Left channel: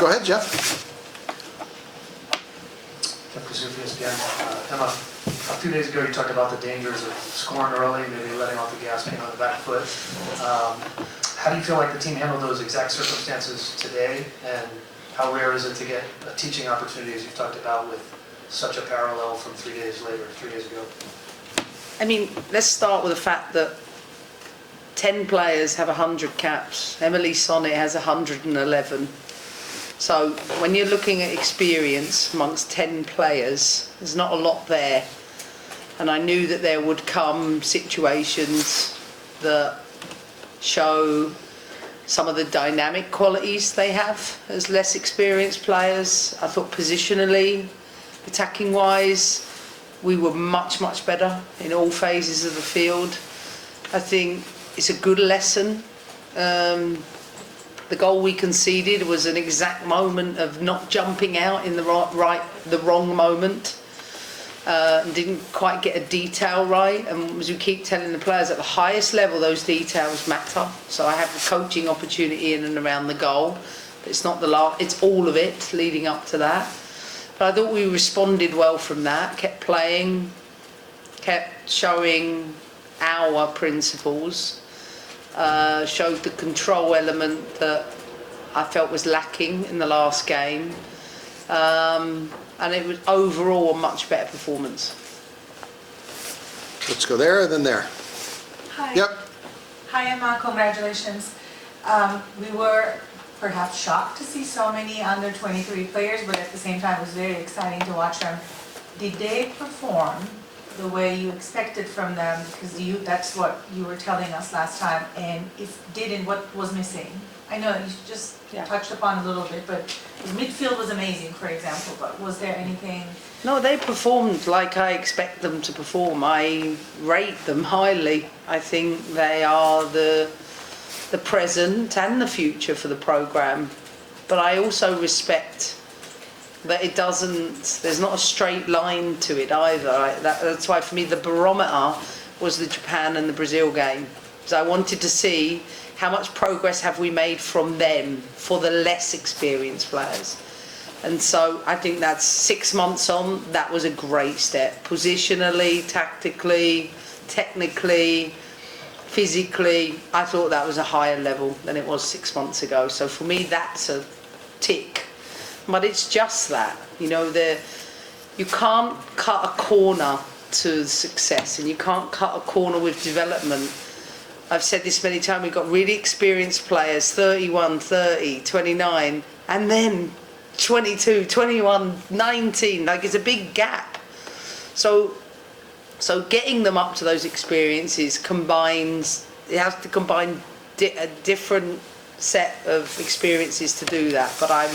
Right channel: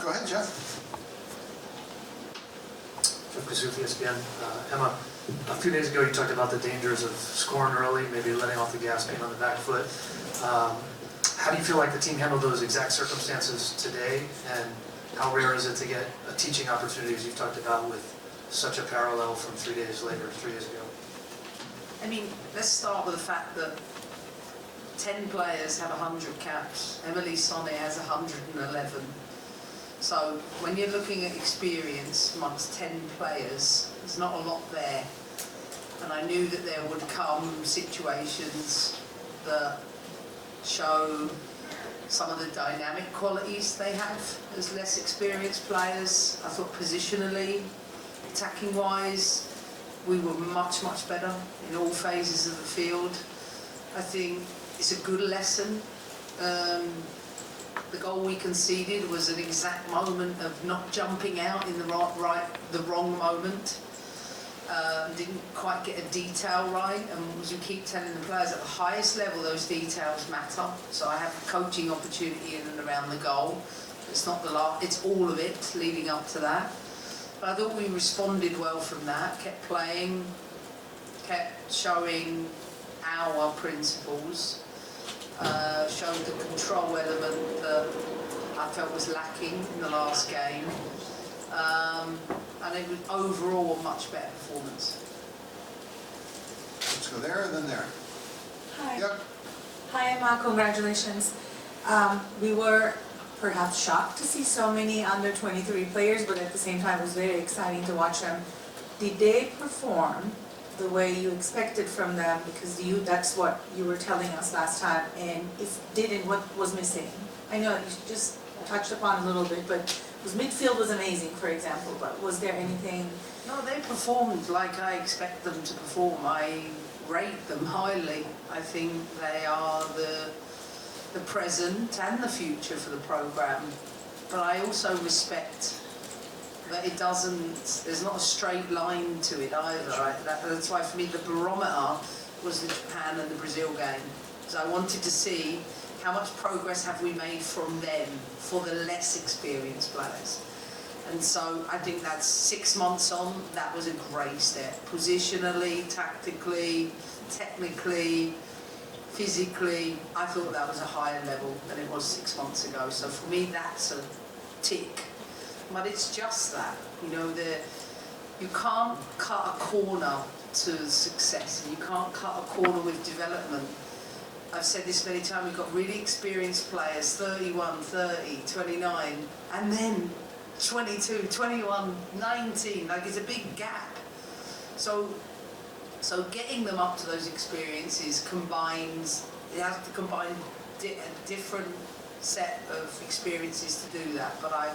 Go ahead, Jeff. Jeff Kasufias again. Emma, a few days ago you talked about the dangers of scoring early, maybe letting off the gas, being on the back foot. How do you feel like the team handled those exact circumstances today, and how rare is it to get a teaching opportunity, as you've talked about, with such a parallel from 3 days later, 3 days ago? I mean, let's start with the fact that 10 players have 100 caps. Emily Sonnet has 111. So when you're looking at experience amongst 10 players, there's not a lot there. And I knew that there would come situations that show some of the dynamic qualities they have as less experienced players. I thought positionally, attacking wise, we were much, much better in all phases of the field. I think it's a good lesson. The goal we conceded was an exact moment of not jumping out in the wrong moment. Didn't quite get a detail right, and as we keep telling the players, at the highest level those details matter. So I have a coaching opportunity in and around the goal. It's not the last, it's all of it leading up to that. But I thought we responded well from that, kept playing, kept showing our principles, showed the control element that I felt was lacking in the last game. And it was overall a much better performance. Let's go there, then there. Hi. Yep. Hi, Emma. Congratulations. We were perhaps shocked to see so many under 23 players, but at the same time it was very exciting to watch them. Did they perform the way you expected from them? Because that's what you were telling us last time. And if didn't, what was missing? I know you just touched upon a little bit, but his midfield was amazing, for example, but was there anything? No, they performed like I expect them to perform. I rate them highly. I think they are the present and the future for the programme. But I also respect that it doesn't, there's not a straight line to it either. That's why for me the barometer was the Japan and the Brazil game. So I wanted to see how much progress have we made from them for the less experienced players. And so I think that's 6 months on, that was a great step. Positionally, tactically, technically, physically, I thought that was a higher level than it was 6 months ago. So for me, that's a tick. But it's just that, you know, you can't cut a corner to success, and you can't cut a corner with development. I've said this many times, we've got really experienced players, 31, 30, 29, and then 22, 21, 19, like it's a big gap. So getting them up to those experiences combines, it has to combine a different set of experiences to do that. But I'm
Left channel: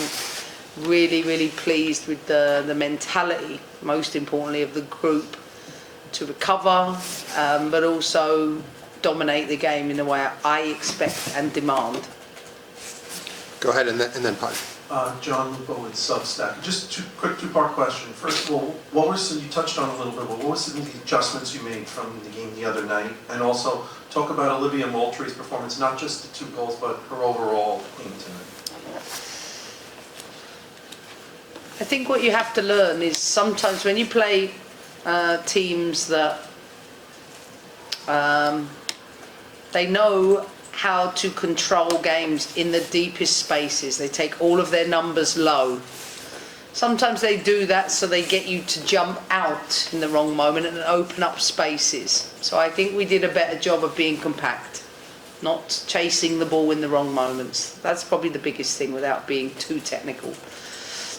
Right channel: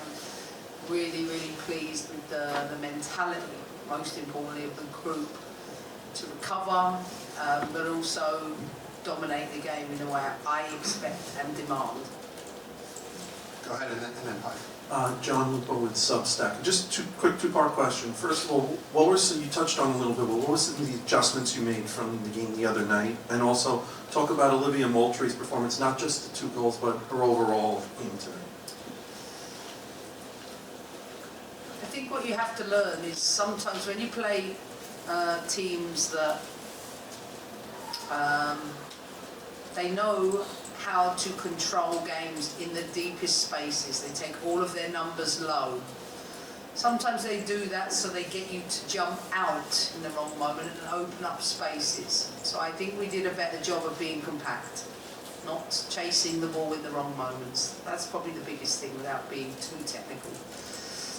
really, really pleased with the mentality, most importantly, of the group to recover, but also dominate the game in the way I expect and demand. Go ahead, and then Pod. John Lupo with Substack. Just quick two-part question. First of all, what were some, you touched on a little bit, but what were some of the adjustments you made from the game the other night? And also talk about Olivia Moultrie's performance, not just the 2 goals, but her overall game tonight. I think what you have to learn is sometimes when you play teams that they know how to control games in the deepest spaces. They take all of their numbers low. Sometimes they do that so they get you to jump out in the wrong moment and open up spaces. So I think we did a better job of being compact, not chasing the ball in the wrong moments. That's probably the biggest thing without being too technical.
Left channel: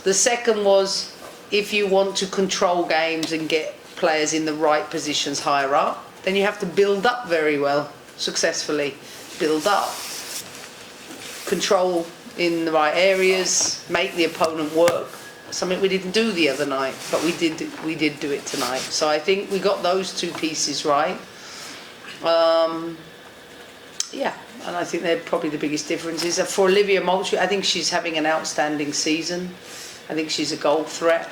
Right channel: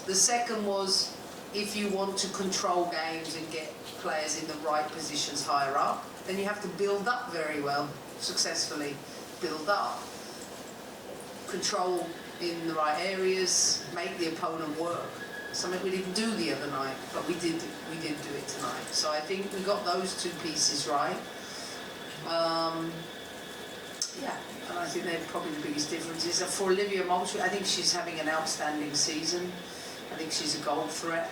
The second was, if you want to control games and get players in the right positions higher up, then you have to build up very well, successfully. Build up, control in the right areas, make the opponent work. Something we didn't do the other night, but we did do it tonight. So I think we got those 2 pieces right. Yeah, and I think they're probably the biggest differences. For Olivia Moultrie, I think she's having an outstanding season. I think she's a goal threat.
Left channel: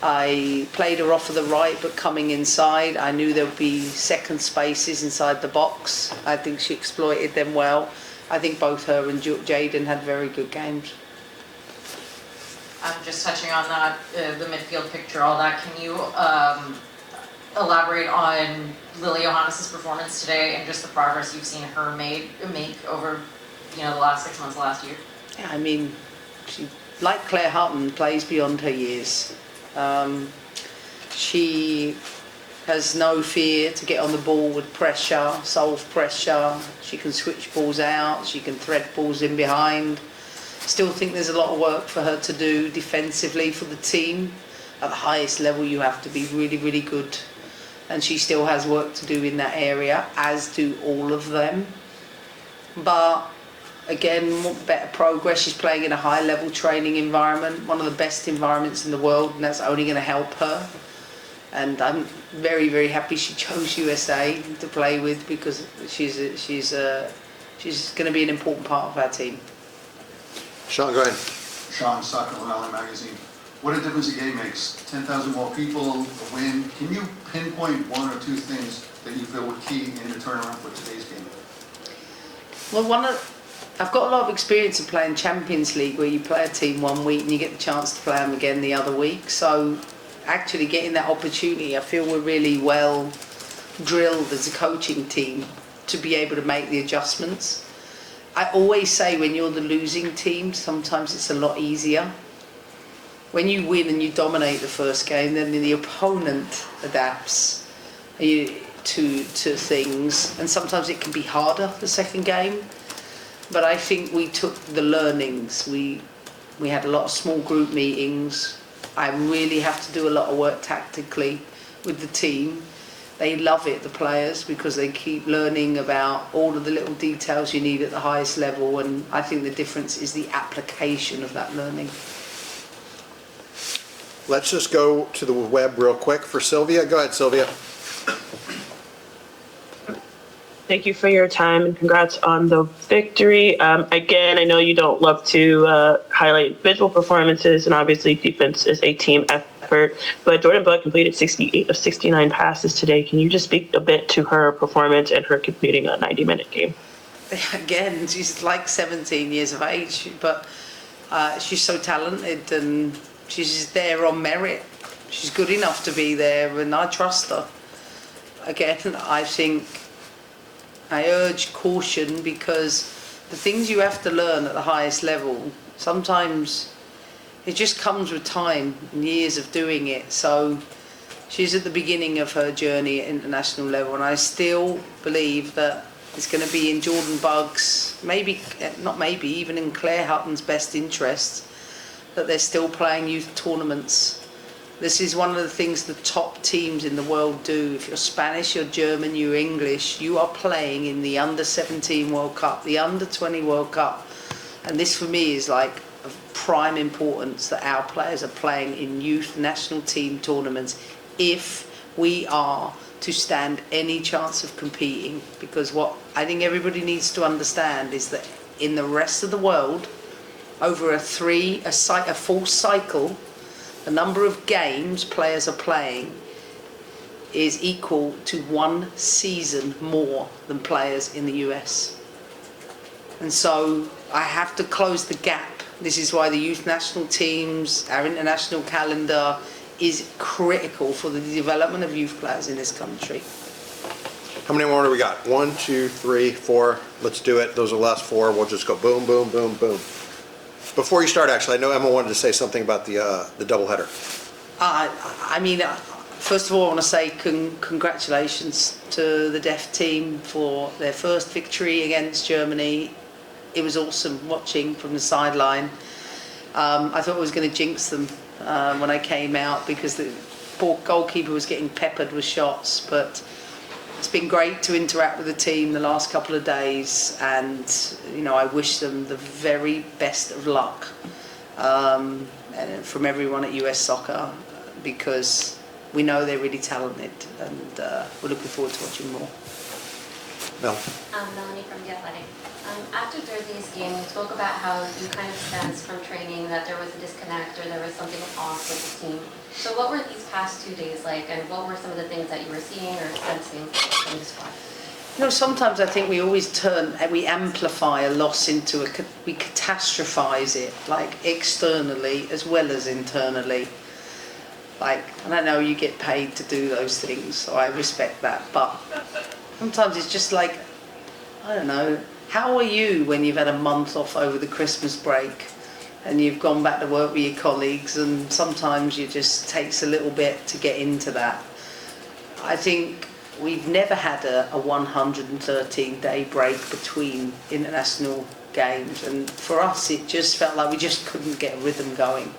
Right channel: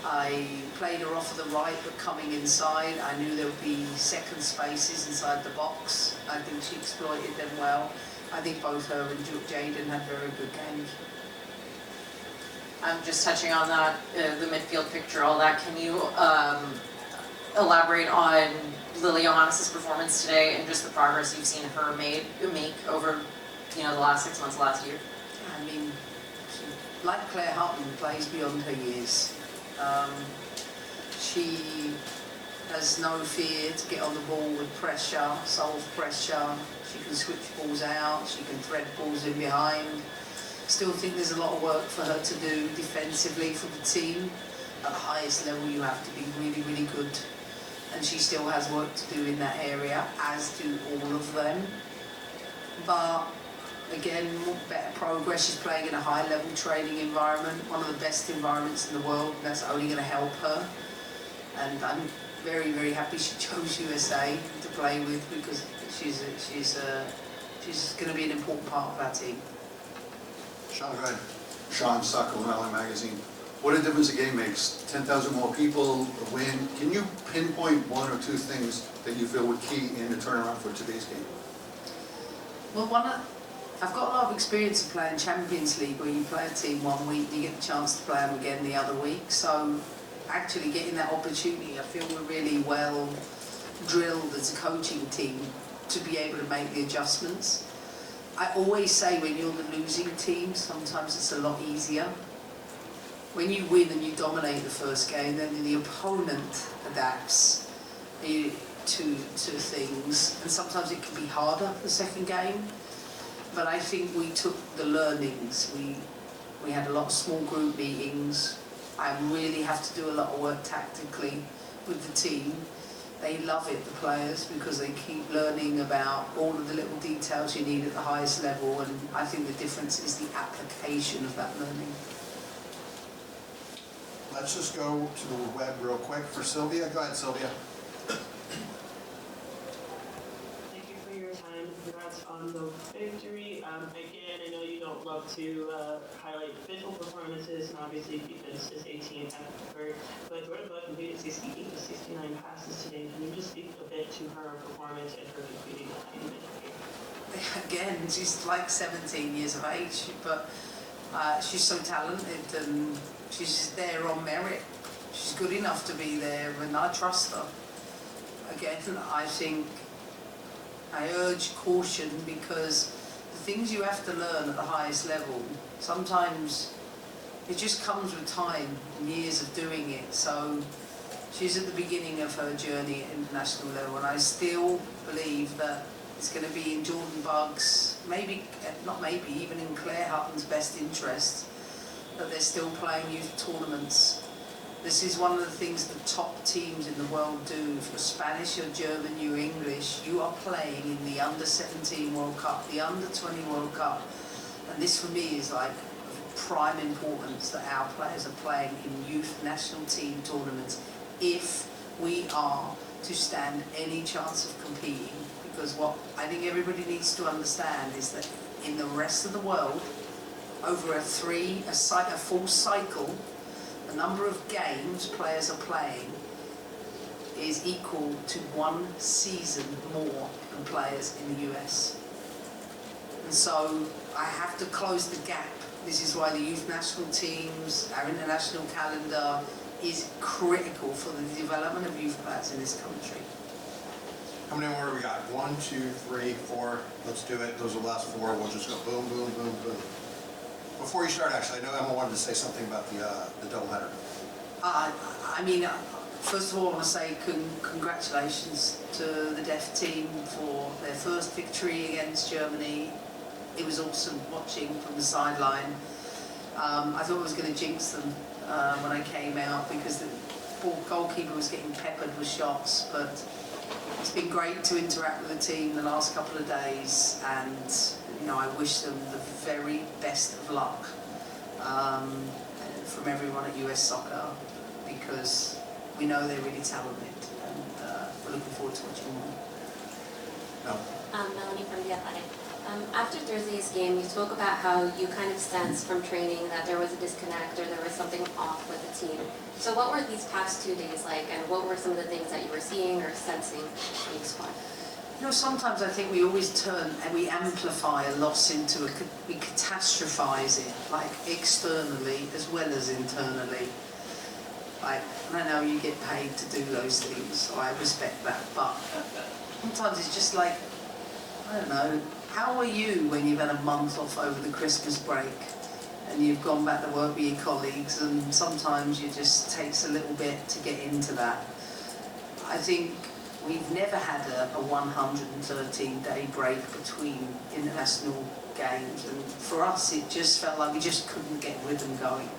I played her off of the right, but coming inside, I knew there would be second spaces inside the box. I think she exploited them well. I think both her and Jaden had very good games. Just touching on that, the midfield picture, all that, can you elaborate on Lily Johannes' performance today and just the progress you've seen her make over, the last 6 months, last year? Yeah, I mean, she, like Claire Hutton, plays beyond her years. She has no fear to get on the ball with pressure, solve pressure. She can switch balls out, she can thread balls in behind. Still think there's a lot of work for her to do defensively for the team. At the highest level, you have to be really, really good. And she still has work to do in that area, as do all of them. But again, better progress. She's playing in a high-level training environment, one of the best environments in the world, and that's only going to help her. And I'm very, very happy she chose USA to play with, because she's going to be an important part of our team. Sean, go ahead. Sean, Soccer Rally Magazine. What a difference a game makes. 10,000 more people, a win. Can you pinpoint one or two things that you feel were key in the turnaround for today's game? Well, I've got a lot of experience of playing Champions League, where you play a team 1 week and you get the chance to play them again the other week. So actually getting that opportunity, I feel we're really well drilled as a coaching team to be able to make the adjustments. I always say when you're the losing team, sometimes it's a lot easier. When you win and you dominate the first game, then the opponent adapts to things, and sometimes it can be harder the second game. But I think we took the learnings. We had a lot of small group meetings. I really have to do a lot of work tactically with the team. They love it, the players, because they keep learning about all of the little details you need at the highest level, and I think the difference is the application of that learning. Let's just go to the web real quick for Sylvia. Go ahead, Sylvia. Thank you for your time and congrats on the victory. Again, I know you don't love to highlight visual performances, and obviously defense is a team effort, but Jordan Buck completed 68 of 69 passes today. Can you just speak a bit to her performance and her completing a 90-minute game? Again, she's like 17 years of age, but she's so talented and she's there on merit. She's good enough to be there, and I trust her. Again, I urge caution, because the things you have to learn at the highest level, sometimes it just comes with time and years of doing it. So she's at the beginning of her journey at international level, and I still believe that it's going to be in Jordan Bugg's, even in Claire Hutton's best interests, that they're still playing youth tournaments. This is one of the things the top teams in the world do. If you're Spanish, you're German, you're English, you are playing in the under-17 World Cup, the under-20 World Cup. And this for me is like of prime importance, that our players are playing in youth national team tournaments if we are to stand any chance of competing. Because what I think everybody needs to understand is that in the rest of the world, over a full cycle, the number of games players are playing is equal to 1 season more than players in the US. And so I have to close the gap. This is why the youth national teams, our international calendar, is critical for the development of youth players in this country. How many more do we got? 1, 2, 3, 4. Let's do it. Those are the last 4. We'll just go boom, boom, boom, boom. Before you start, actually, I know Emma wanted to say something about the doubleheader. First of all, I want to say congratulations to the deaf team for their first victory against Germany. It was awesome watching from the sideline. I thought I was going to jinx them when I came out, because the poor goalkeeper was getting peppered with shots, but it's been great to interact with the team the last couple of days, and I wish them the very best of luck from everyone at US Soccer, because we know they're really talented, and we're looking forward to watching more. Mel. Melanie from The Athletic. After Thursday's game, you spoke about how you kind of sensed from training that there was a disconnect or there was something off with the team. So what were these past 2 days like, and what were some of the things that you were seeing or sensing in the squad? You know, sometimes I think we always we amplify a loss into we catastrophize it, like externally as well as internally. Like, and I know you get paid to do those things, so I respect that, but sometimes it's just like, I don't know, how are you when you've had a month off over the Christmas break and you've gone back to work with your colleagues, and sometimes it just takes a little bit to get into that. I think we've never had a 113-day break between international games, and for us it just felt like we just couldn't get a rhythm going.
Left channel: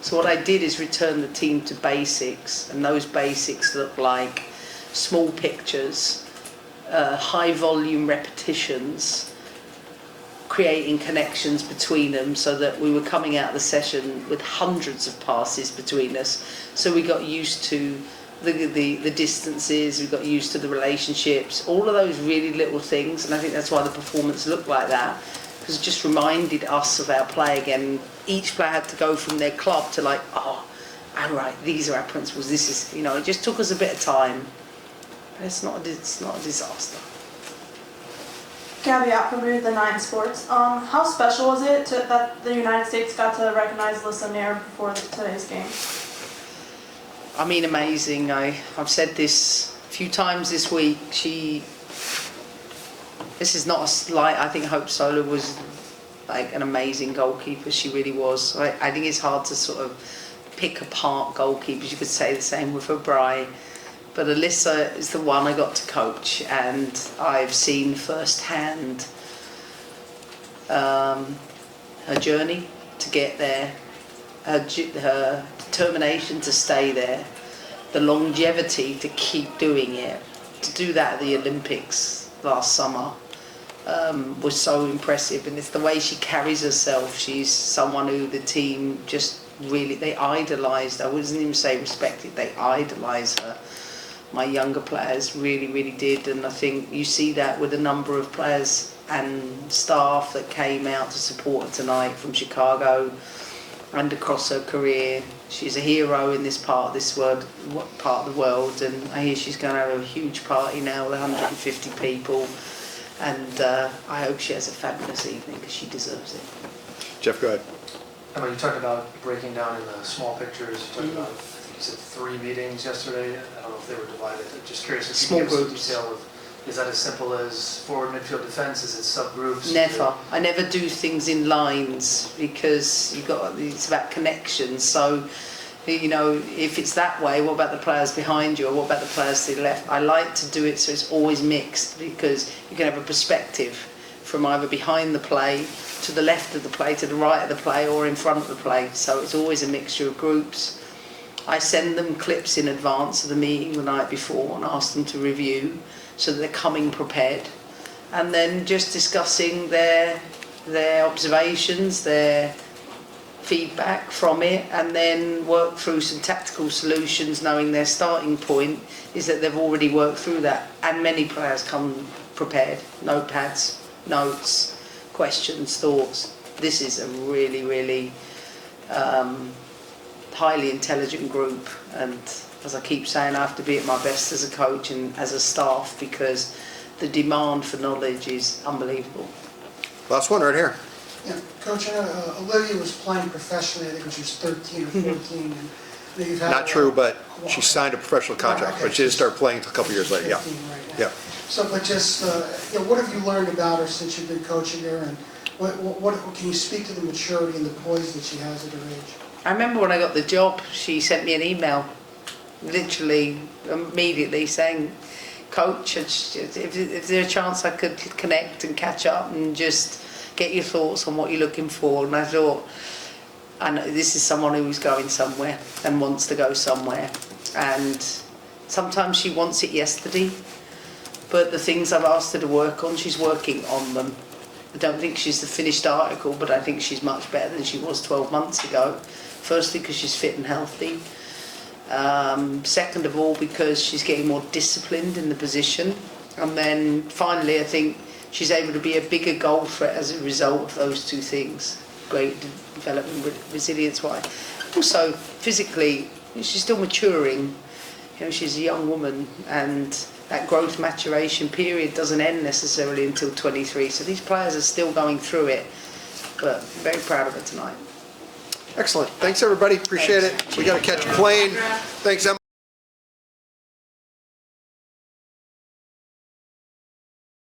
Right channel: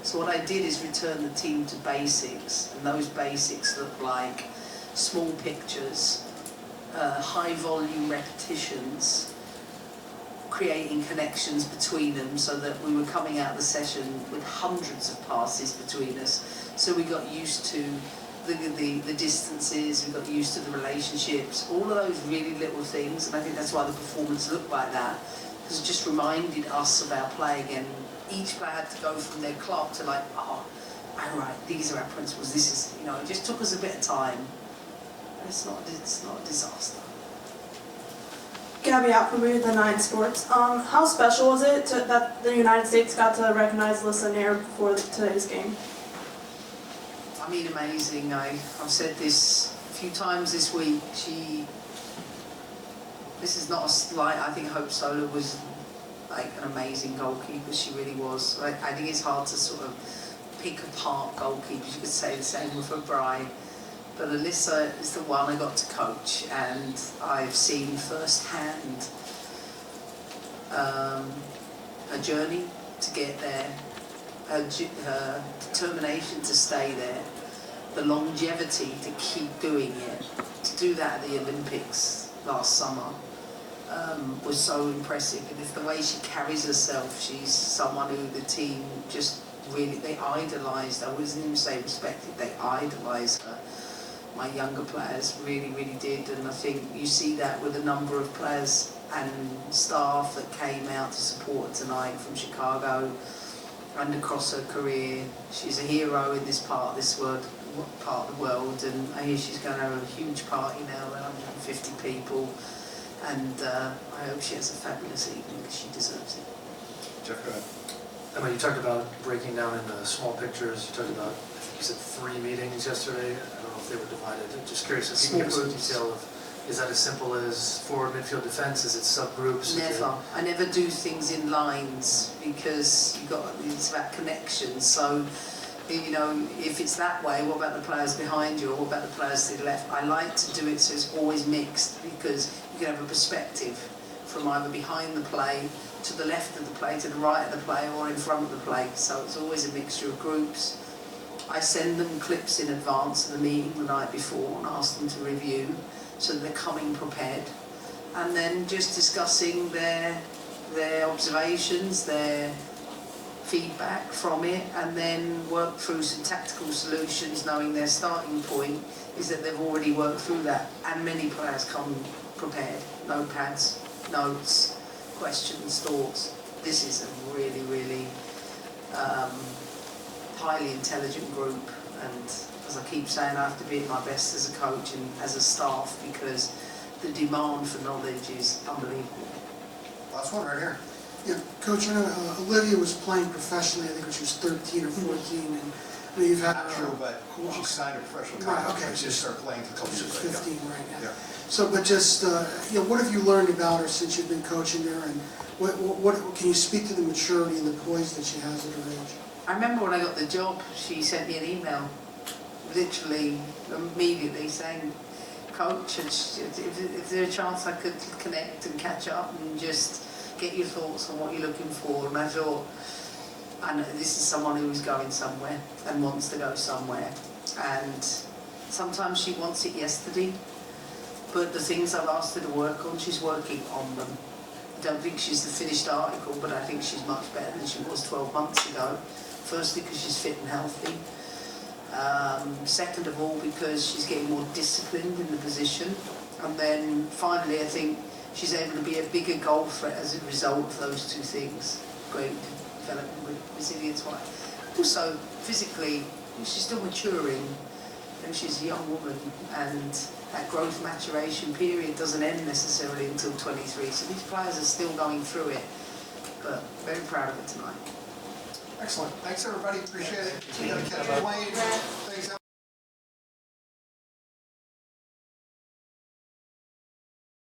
So what I did is return the team to basics, and those basics look like small pictures, high volume repetitions, creating connections between them, so that we were coming out of the session with hundreds of passes between us. So we got used to the distances, we got used to the relationships, all of those really little things, and I think that's why the performance looked like that, because it just reminded us of our play again. Each player had to go from their club to like, oh, all right, these are our principles, this is, you know, it just took us a bit of time. It's not a disaster. Gabby Applebury, the Nine Sports. How special was it that the United States got to recognize Alyssa Nair before today's game? I mean, amazing. I've said this a few times this week. This is not a slight. I think Hope Solo was like an amazing goalkeeper. She really was. I think it's hard to sort of pick apart goalkeepers. You could say the same with O'Brien. But Alyssa is the one I got to coach, and I've seen firsthand her journey to get there, her determination to stay there, the longevity to keep doing it. To do that at the Olympics last summer was so impressive, and it's the way she carries herself. She's someone who the team just really, they idolised. I wouldn't even say respected, they idolised her. My younger players really, really did, and I think you see that with a number of players and staff that came out to support her tonight from Chicago and across her career. She's a hero in this part of the world, and I hear she's going to have a huge party now with 150 people, and I hope she has a fabulous evening because she deserves it. Jeff, go ahead. Emma, you talked about breaking down in the small pictures. You talked about, I think you said 3 meetings yesterday. I don't know if they were divided. I'm just curious if you could give us some detail of, is that as simple as forward, midfield, defence? Is it subgroups? Never. I never do things in lines because it's about connections. So, you know, if it's that way, what about the players behind you, or what about the players to the left? I like to do it so it's always mixed, because you can have a perspective from either behind the play, to the left of the play, to the right of the play, or in front of the play. So it's always a mixture of groups. I send them clips in advance of the meeting the night before and ask them to review, so that they're coming prepared, and then just discussing their observations, their feedback from it, and then work through some tactical solutions, knowing their starting point is that they've already worked through that, and many players come prepared, notepads, notes, questions, thoughts. This is a really, really highly intelligent group, and as I keep saying, I have to be at my best as a coach and as a staff, because the demand for knowledge is unbelievable. Last one right here. Yeah, Coach, I know Olivia was playing professionally, I think when she was 13 or 14. And I know you've had Not true, but she signed a professional contract, okay. but she didn't start playing until a couple years later. Yeah. 15 right now. Yeah. So, but just, you know, what have you learned about her since you've been coaching her, and what can you speak to the maturity and the poise that she has at her age? I remember when I got the job, she sent me an email, literally immediately, saying, Coach, if there's a chance I could connect and catch up and just get your thoughts on what you're looking for. And I thought, I know this is someone who's going somewhere and wants to go somewhere. And sometimes she wants it yesterday, but the things I've asked her to work on, she's working on them. I don't think she's the finished article, but I think she's much better than she was 12 months ago. Firstly, because she's fit and healthy. Second of all, because she's getting more disciplined in the position. And then finally, I think she's able to be a bigger goal threat as a result of those two things. Great development, resilience-wise. Also, physically, she's still maturing. You know, she's a young woman, and that growth maturation period doesn't end necessarily until 23. So these players are still going through it, but very proud of it tonight. Excellent. Thanks, everybody. Appreciate it. We got to catch a plane. Thanks, Emma.